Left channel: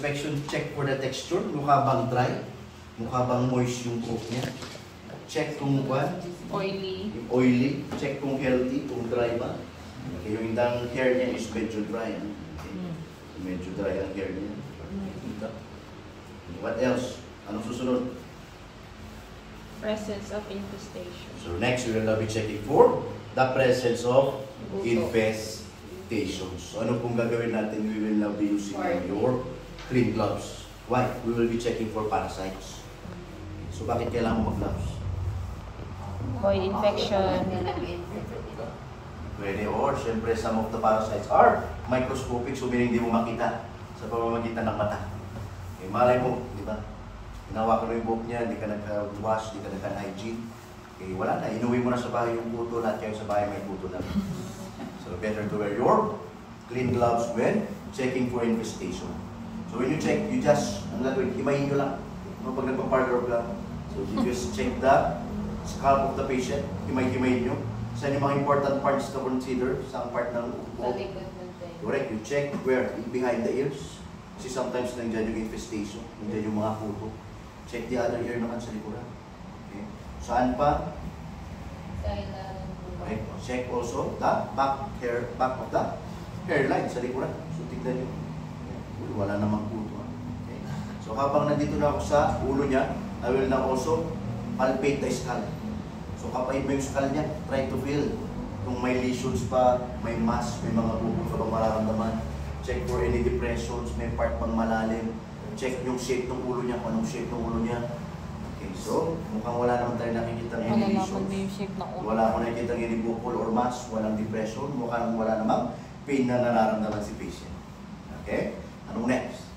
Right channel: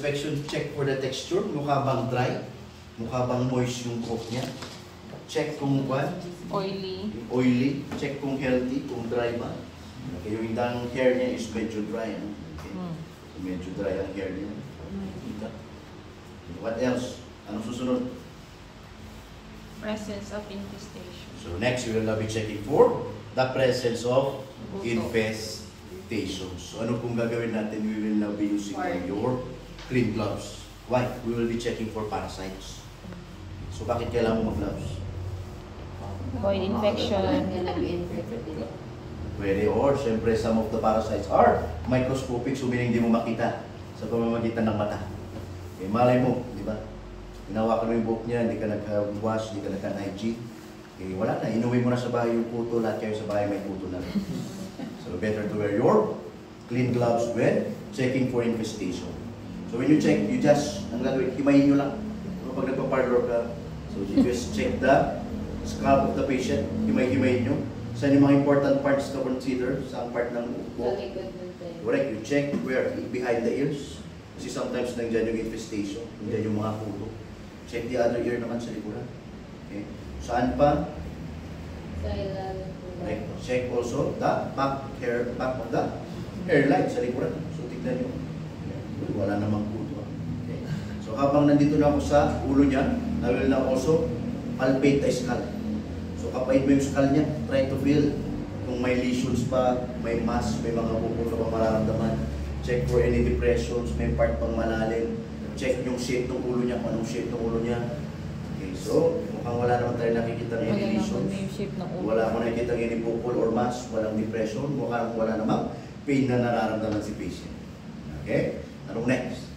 inspection, check for the texture. Mukha bang dry? Mukha bang moist yung coat niya? Check kung what? Oily. Check kung healthy, kung dry ba. Okay, yung indang hair niya is medyo dry. Okay. So, medyo dry ang hair niya. Kita. What else? Anong susunod? Presence of infestation. So next, we will now be checking for the presence of infestation. So ano kung gagawin natin? We will now be using your clean gloves. Why? We will be checking for parasites. So bakit kailangan mo mag-gloves? Avoid infection. Pwede, or syempre some of the parasites are microscopic, so meaning di mo makita sa pamamagitan ng mata. Okay, malay mo, di ba? Hinawakan mo yung buhok niya, hindi ka nag-wash, hindi ka nag-hygiene. Okay, wala na, inuwi mo na sa bahay yung kuto, lahat kayo sa bahay may kuto na rin. So better to wear your clean gloves when checking for infestation. So when you check, you just, ang gagawin, himayin nyo lang. Pag nagpa-parlor ka, so you just check the scalp of the patient, himay-himayin nyo. Saan yung mga important parts to consider sa part ng buhok? Correct, you check where? Behind the ears. Kasi sometimes nandiyan yung infestation, nandiyan yung mga kuto. Check the other ear naman sa likuran. Okay. Saan pa? Okay. Check also the back of the hairline sa likuran. So tignan nyo. Wala namang kuto. Okay. So habang nandito na ako sa ulo niya, I will now also palpate the skull. So kapait mo yung skull niya, try to feel kung may lesions pa, may mass, may mga bukol ka bang mararamdaman. Check for any depressions, may part pang malalim. Check yung shape ng ulo niya, kung anong shape ng ulo niya. Okay, so mukhang wala naman tayo nakikita ng any lesions. Wala ko nakikita ng any bukol or mass, walang depression, mukhang wala namang pain na nararamdaman si patient. Okay? Anong next?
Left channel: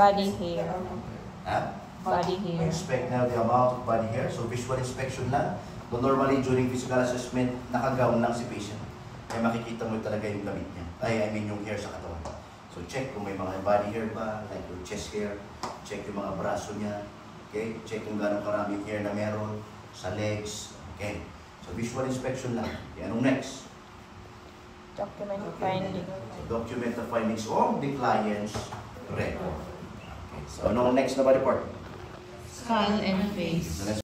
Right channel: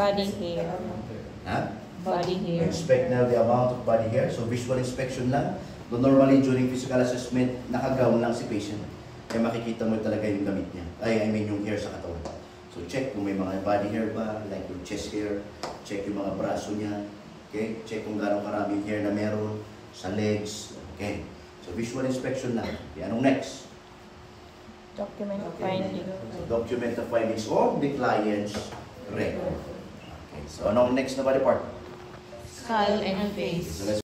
Body hair. Ha? Body hair. Inspect now the amount of body hair. So visual inspection lang. So normally during physical assessment, naka-gown lang si patient. Kaya makikita mo talaga yung damit niya. I mean yung hair sa katawan. So check kung may mga body hair ba, like yung chest hair. Check yung mga braso niya. Okay? Check kung gaano karaming hair na meron sa legs. Okay? So visual inspection lang. Okay, anong next? Document the findings. So document the findings on the client's record. Okay, so ano next na body part? Skull and face. So let's